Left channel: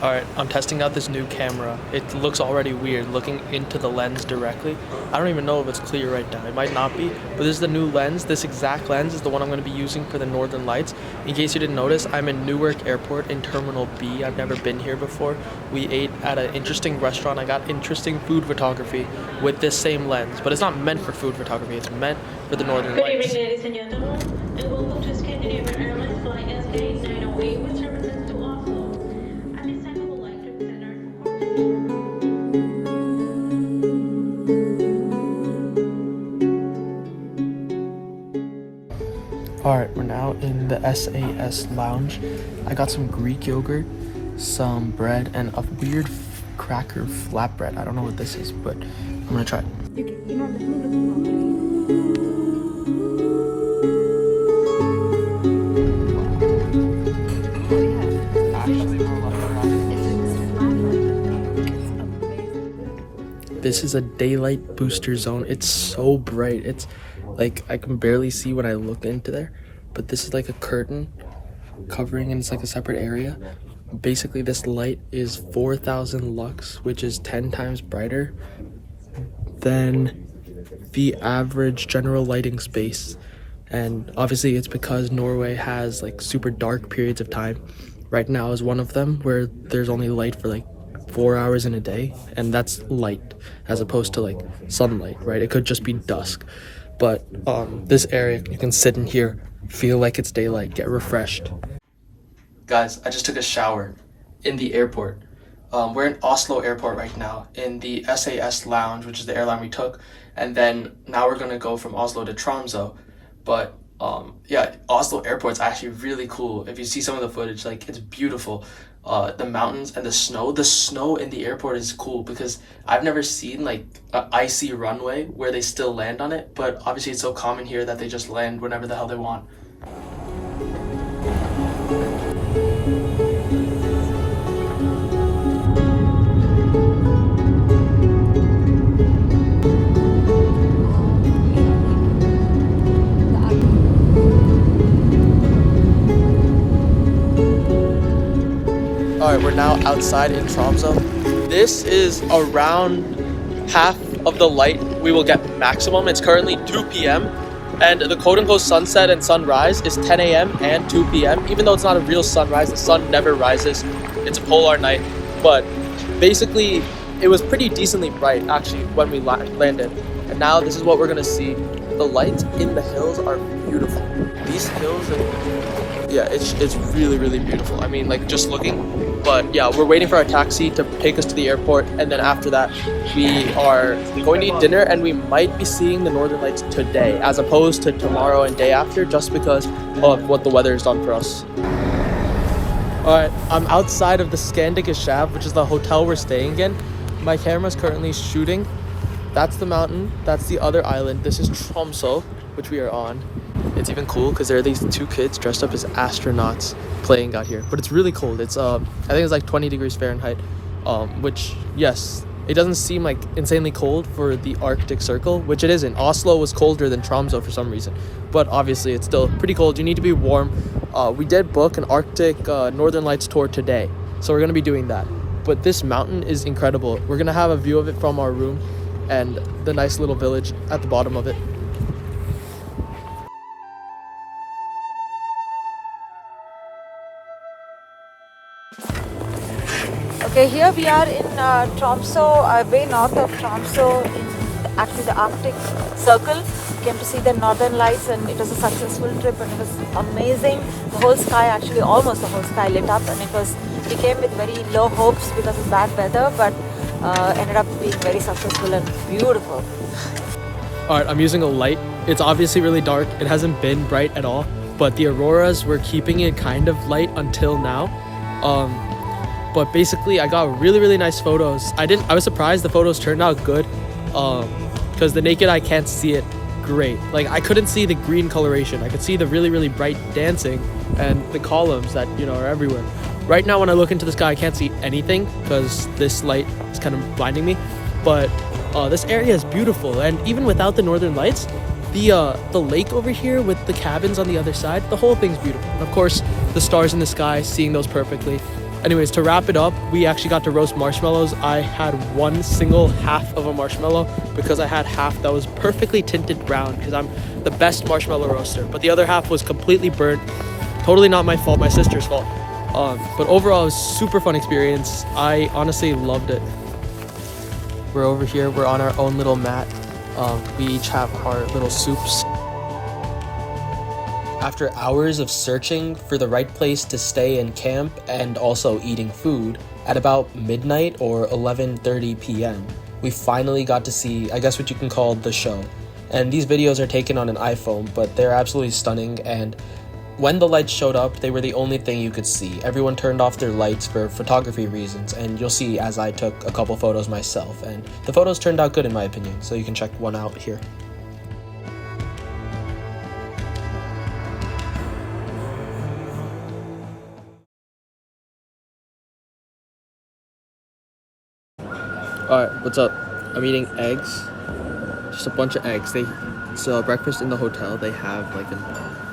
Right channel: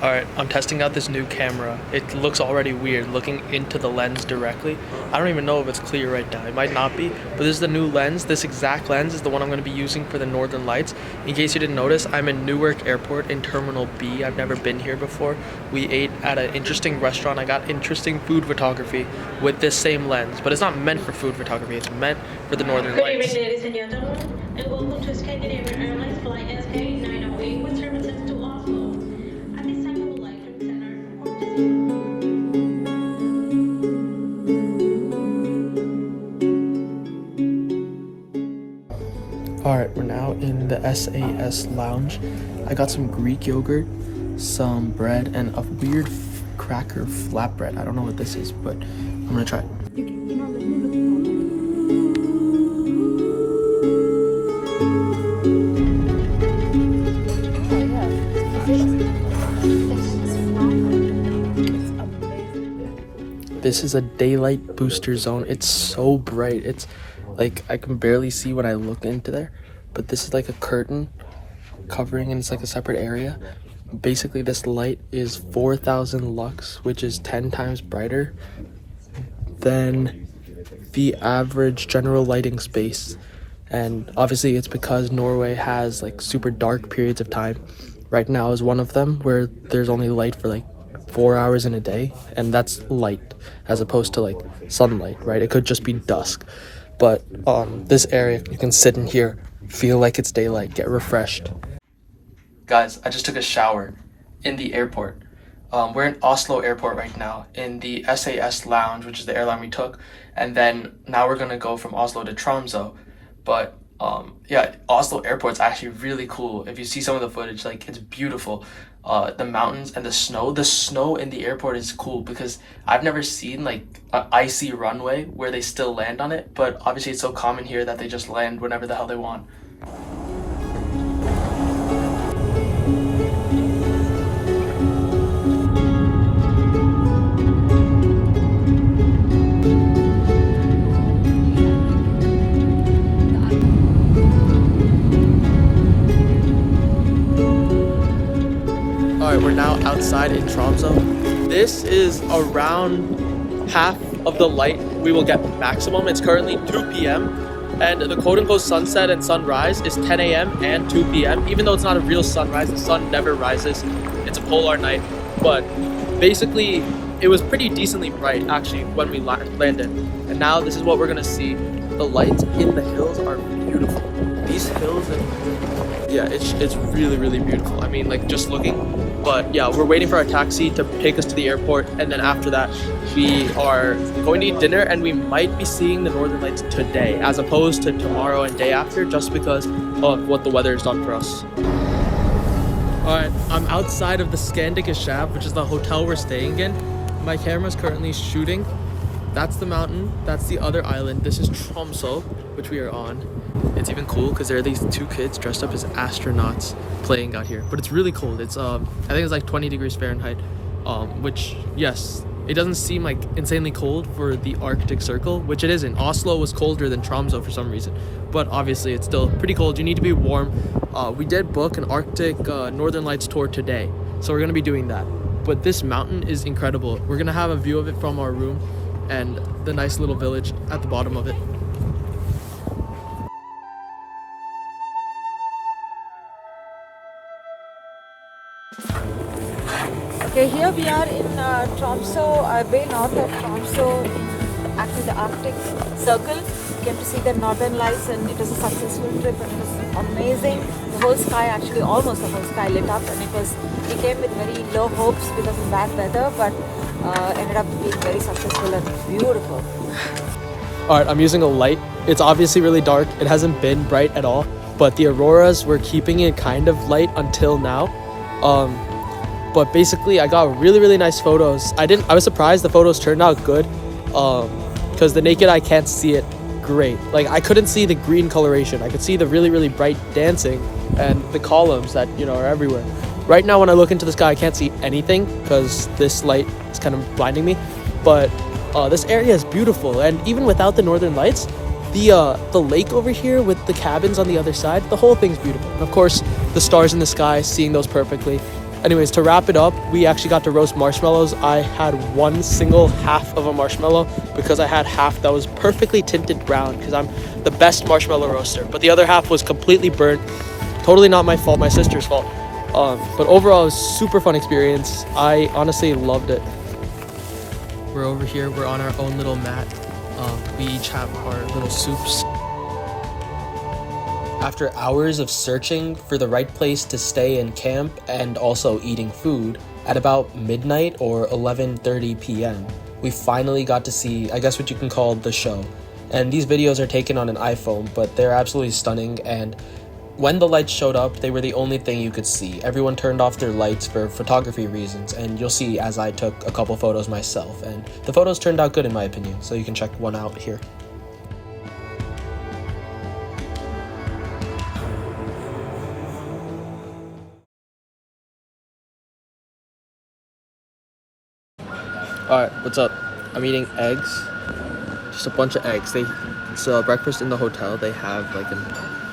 Alright, I'm testing out this new camera. It looks already weird looking into the lens directly. I don't even know if it's clear right now. It might not be, but this is the new lens. This exact lens is the one I'm going to be using for the Northern Lights. In case you didn't notice, I'm in Newark Airport in Terminal B. I've never been here before. We ate at an interesting restaurant. I got interesting food photography with this same lens, but it's not meant for food photography. It's meant for the Northern Lights. Good evening, ladies and gentlemen, and welcome to Scandinavian Airlines Flight SK908 with services to Oslo. At this time, we would like to extend our support. Alright, we're now in the SAS lounge. I got some Greek yogurt, some bread, and a weird cracker flatbread. I don't know what this is, but I'm gonna try it. This is a daylight booster zone. It's so bright. It's like I can barely see when I look into there, but this is like a curtain covering, and it's like a separate area. Basically, this light is 4,000 lux, which is 10 times brighter than the average general lighting space. And obviously it's because Norway has like super dark periods of time. Right now is one of them where there's only light for like 4 hours in a day, and that's light as opposed to like sunlight, right? It could just be dusk. But this area, you can sit in here, feel like it's daylight, get refreshed. Guys, I just took a shower in the airport. We're in Oslo airport right now in the SAS lounge, which is the airline we took, and then now we're gonna go from Oslo to Tromso. But yeah, Oslo airport's actually really cool. If you see some of the footage, like, it's beautiful. The mountains and the snow in the airport is cool because I've never seen like an icy runway where they still land on it, but obviously it's so common here that they just land whenever the hell they want. Alright, we're now outside in Tromso. This is around half of the light we will get maximum. It's currently 2 p.m. and the quote-unquote sunset and sunrise is 10 a.m. and 2 p.m. Even though it's not a real sunrise, the sun never rises. It's a polar night. But basically, it was pretty decently bright actually when we landed. And now this is what we're gonna see. The lights in the hills are beautiful. These hills, yeah, it's really, really beautiful. I mean, like, just looking. But yeah, we're waiting for our taxi to take us to the airport, and then after that we are going to eat dinner, and we might be seeing the Northern Lights today as opposed to tomorrow and day after, just because of what the weather has done for us. Alright, I'm outside of the Shenanigans, which is the hotel we're staying in. My camera's currently shooting. That's the mountain, that's the other island. This is Tromso, which we are on. It's even cool because there are these two kids dressed up as astronauts playing out here, but it's really cold. It's I think it's like 20 degrees Fahrenheit, which, yes, it doesn't seem like insanely cold for the Arctic Circle, which it isn't. Oslo was colder than Tromso for some reason, but obviously it's still pretty cold. You need to be warm. We did book an Arctic Northern Lights tour today, so we're gonna be doing that. But this mountain is incredible. We're gonna have a view of it from our room and the nice little village at the bottom of it. Okay, here we are in Tromso, way north of Tromso, in actually the Arctic Circle. We came to see the Northern Lights, and it was a successful trip, and it was amazing. The whole sky, actually almost the whole sky lit up, and we came with very low hopes because of bad weather, but ended up being very successful and beautiful. Alright, I'm using a light. It's obviously really dark. It hasn't been bright at all, but the auroras were keeping it kind of light until now. But basically I got really, really nice photos. I was surprised the photos turned out good, because the naked eye can't see it great. Like, I couldn't see the green coloration. I could see the really, really bright dancing and the columns that, you know, are everywhere. Right now when I look into the sky, I can't see anything because this light is kind of blinding me. But this area is beautiful, and even without the Northern Lights, the lake over here with the cabins on the other side, the whole thing's beautiful. And of course, the stars in the sky, seeing those perfectly. Anyways, to wrap it up, we actually got to roast marshmallows. I had one single half of a marshmallow because I had half that was perfectly tinted brown because I'm the best marshmallow roaster. But the other half was completely burnt. Totally not my fault, my sister's fault. But overall, it was a super fun experience. I honestly loved it. We're over here. We're on our own little mat. We each have our little soups. After hours of searching for the right place to stay and camp and also eating food, at about midnight or 11:30 p.m., we finally got to see, I guess what you can call the show. And these videos are taken on an iPhone, but they're absolutely stunning, and when the lights showed up, they were the only thing you could see. Everyone turned off their lights for photography reasons, and you'll see as I took a couple photos myself, and the photos turned out good in my opinion, so you can check one out here. Alright, what's up? I'm eating eggs. Just a bunch of eggs. It's breakfast in the hotel. They have like an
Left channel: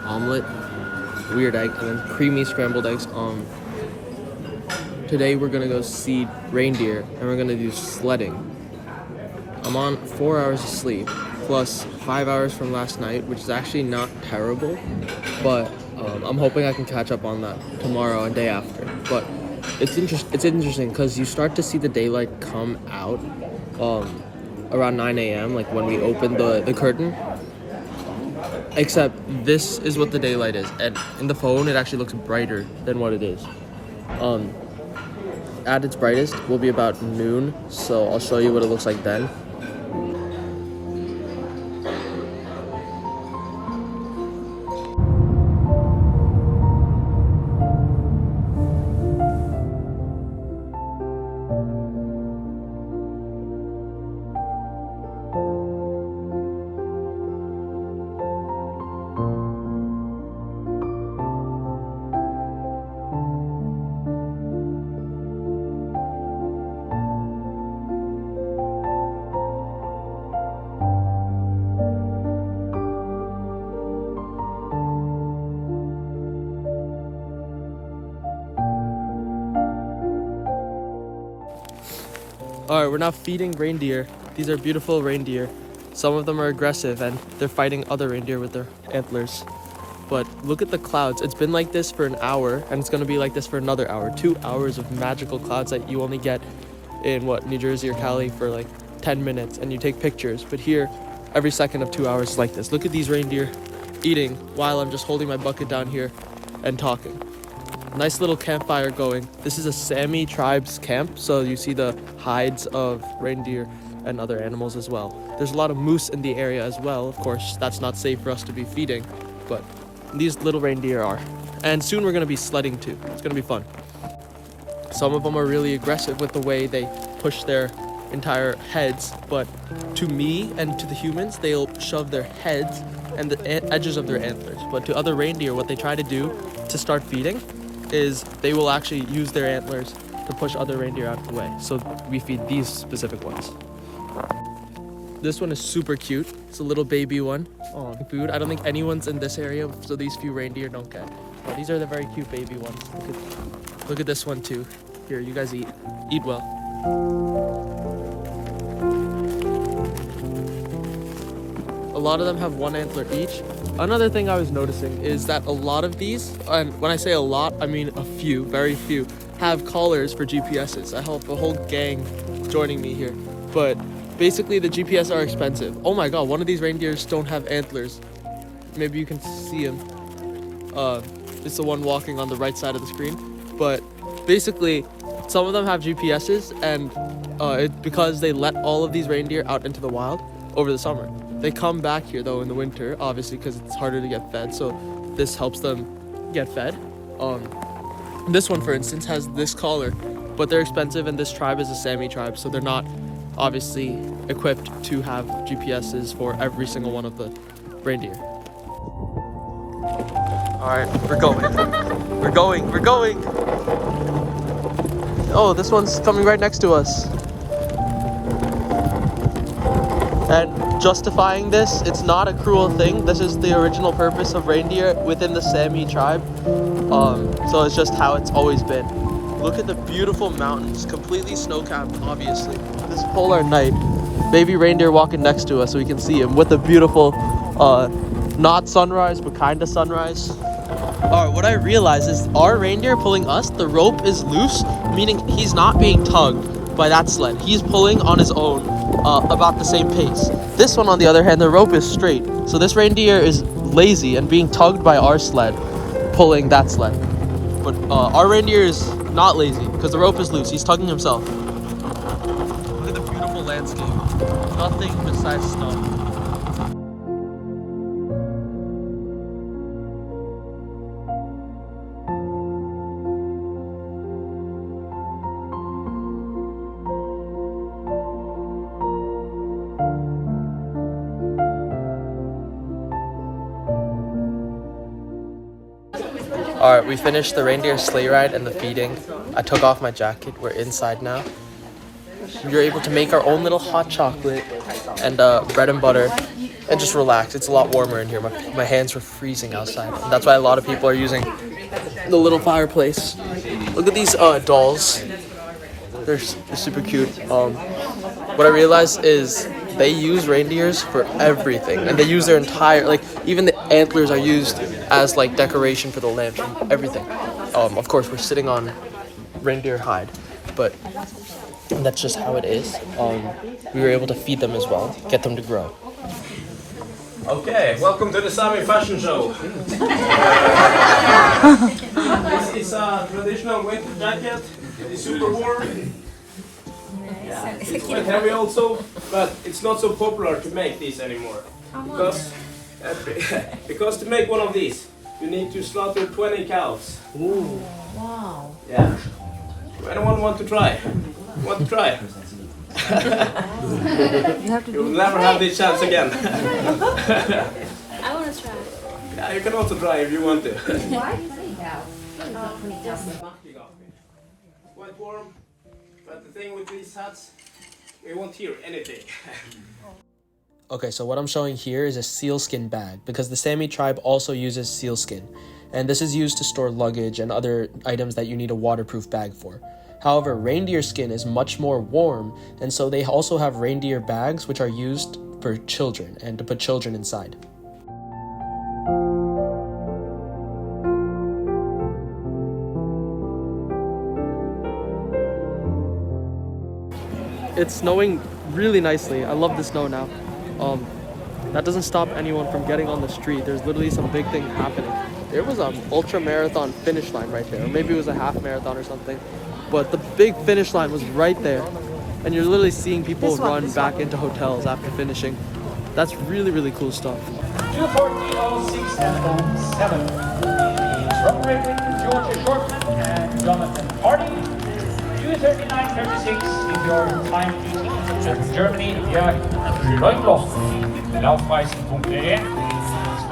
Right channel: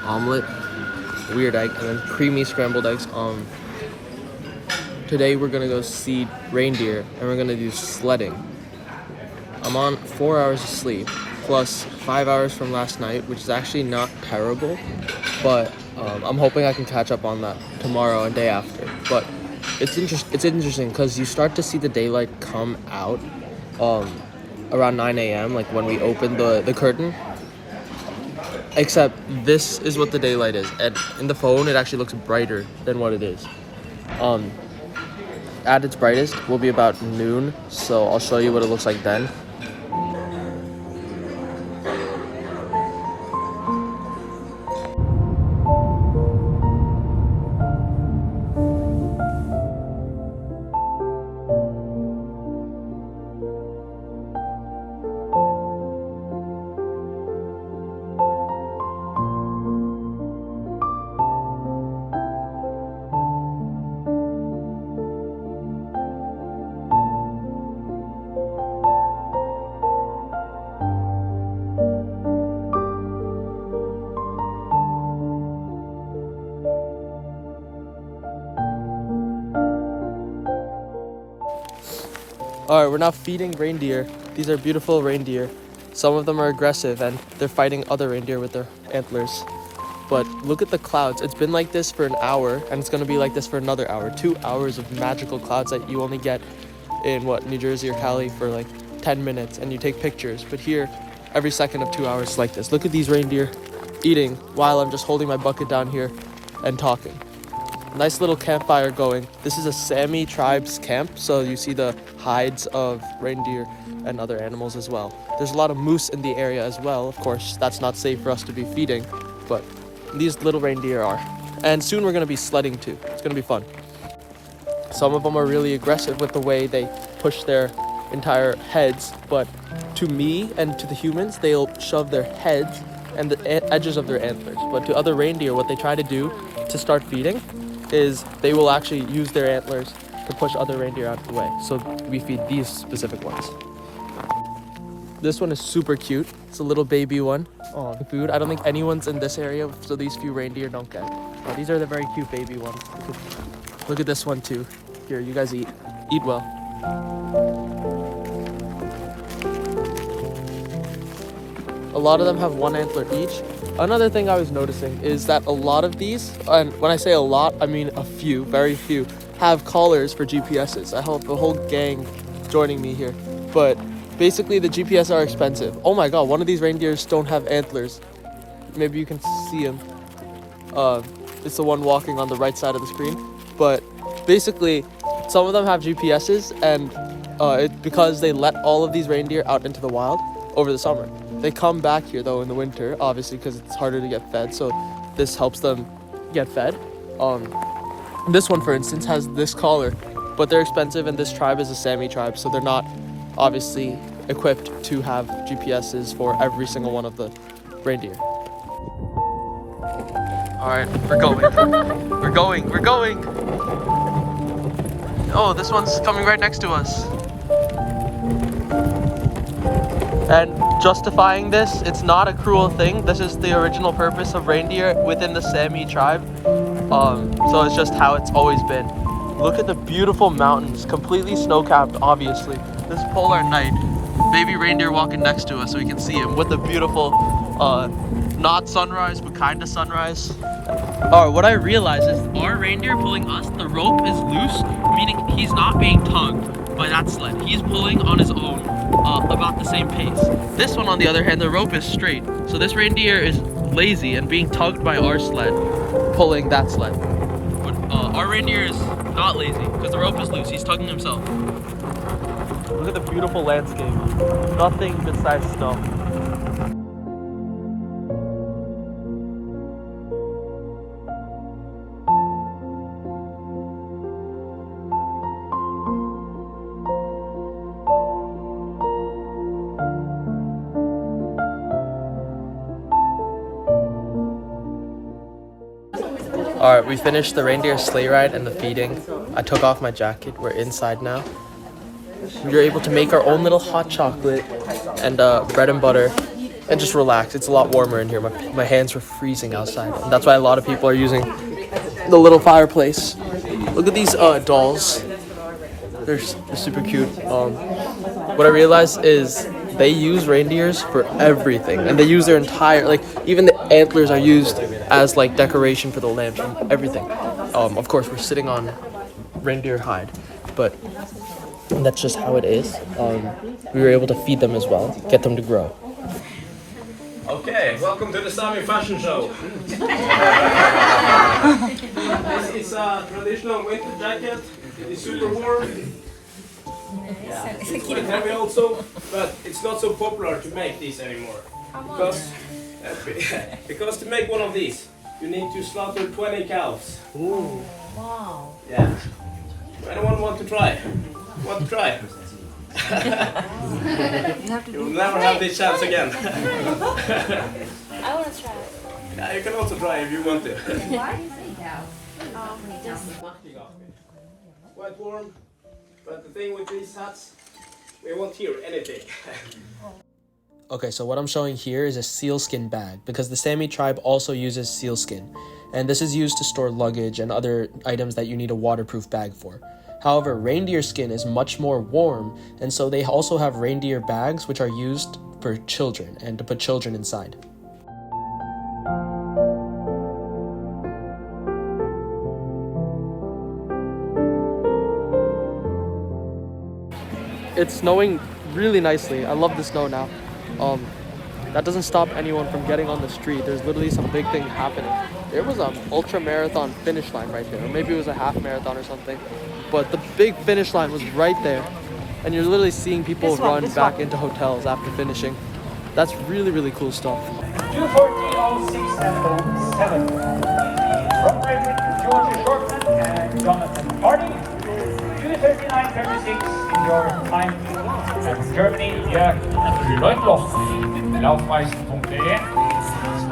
omelet, weird egg, and then creamy scrambled eggs. Today we're gonna go see reindeer and we're gonna do sledding. I'm on 4 hours of sleep plus 5 hours from last night, which is actually not terrible, but I'm hoping I can catch up on that tomorrow and day after. But it's interesting because you start to see the daylight come out around 9 a.m. like when we open the curtain, except this is what the daylight is, and in the phone it actually looks brighter than what it is. At its brightest will be about noon, so I'll show you what it looks like then. Alright, we're now feeding reindeer. These are beautiful reindeer. Some of them are aggressive and they're fighting other reindeer with their antlers. But look at the clouds. It's been like this for an hour and it's gonna be like this for another hour. 2 hours of magical clouds that you only get in New Jersey or Cali for like 10 minutes and you take pictures. But here, every second of 2 hours is like this. Look at these reindeer eating while I'm just holding my bucket down here and talking. Nice little campfire going. This is a Sammi Tribe's camp, so you see the hides of reindeer and other animals as well. There's a lot of moose in the area as well. Of course, that's not safe for us to be feeding, but these little reindeer are. And soon we're gonna be sledding too. It's gonna be fun. Some of them are really aggressive with the way they push their entire heads, but to me and to the humans, they'll shove their heads and the edges of their antlers. But to other reindeer, what they try to do to start feeding is they will actually use their antlers to push other reindeer out of the way. So we feed these specific ones. This one is super cute. It's a little baby one. Oh, food. I don't think anyone's in this area, so these few reindeer don't get. But these are the very cute baby ones. Look at this one too. Here, you guys eat. Eat well. A lot of them have one antler each. Another thing I was noticing is that a lot of these, and when I say a lot, I mean a few, very few, have collars for GPSs. I hope the whole gang joining me here. But basically the GPS are expensive. Oh my god, one of these reindeers don't have antlers. Maybe you can see him. It's the one walking on the right side of the screen. But basically, some of them have GPSs, and it's because they let all of these reindeer out into the wild over the summer. They come back here though in the winter, obviously, because it's harder to get fed, so this helps them get fed. This one, for instance, has this collar, but they're expensive, and this tribe is a Sammi tribe, so they're not obviously equipped to have GPSs for every single one of the reindeer. Alright, we're going. We're going. Oh, this one's coming right next to us. And justifying this, it's not a cruel thing. This is the original purpose of reindeer within the Sammi tribe. So it's just how it's always been. Look at the beautiful mountains, completely snow-capped, obviously. This is polar night. Baby reindeer walking next to us so we can see him with the beautiful, not sunrise, but kind of sunrise. Alright, what I realized is our reindeer pulling us, the rope is loose, meaning he's not being tugged by that sled. He's pulling on his own about the same pace. This one, on the other hand, the rope is straight. So this reindeer is lazy and being tugged by our sled, pulling that sled. But our reindeer is not lazy because the rope is loose. He's tugging himself. Look at the beautiful landscape. Nothing besides snow. Alright, we finished the reindeer sleigh ride and the feeding. I took off my jacket. We're inside now. We were able to make our own little hot chocolate and bread and butter and just relax. It's a lot warmer in here. My hands were freezing outside. And that's why a lot of people are using the little fireplace. Look at these dolls. They're super cute. What I realized is they use reindeers for everything, and they use their entire, like, even the antlers are used as like decoration for the lantern, everything. Of course, we're sitting on reindeer hide, but that's just how it is. We were able to feed them as well, get them to grow. Okay, welcome to the Sammi fashion show. This is a traditional winter jacket. It's super warm. Yeah, it's quite heavy also, but it's not so popular to make these anymore. Because to make one of these, you need to slaughter 20 cows. Ooh. Wow. Yeah. Anyone want to try? Want to try? You will never have this chance again. I want to try. Yeah, you can also try if you want to. Quite warm, but the thing with these hats, you won't hear anything. Okay, so what I'm showing here is a sealskin bag because the Sammi tribe also uses sealskin, and this is used to store luggage and other items that you need a waterproof bag for. However, reindeer skin is much more warm, and so they also have reindeer bags which are used for children and to put children inside. It's snowing really nicely. I love the snow now. That doesn't stop anyone from getting on the street. There's literally some big thing happening. There was an ultra marathon finish line right there, or maybe it was a half marathon or something. But the big finish line was right there, and you're literally seeing people run back into hotels after finishing. That's really, really cool stuff. 2:40:06 and 7. From Georgia Shortman and Jonathan Hardy. 2:39:36 is your time to Germany via Leutloch. Laufweisen.de 2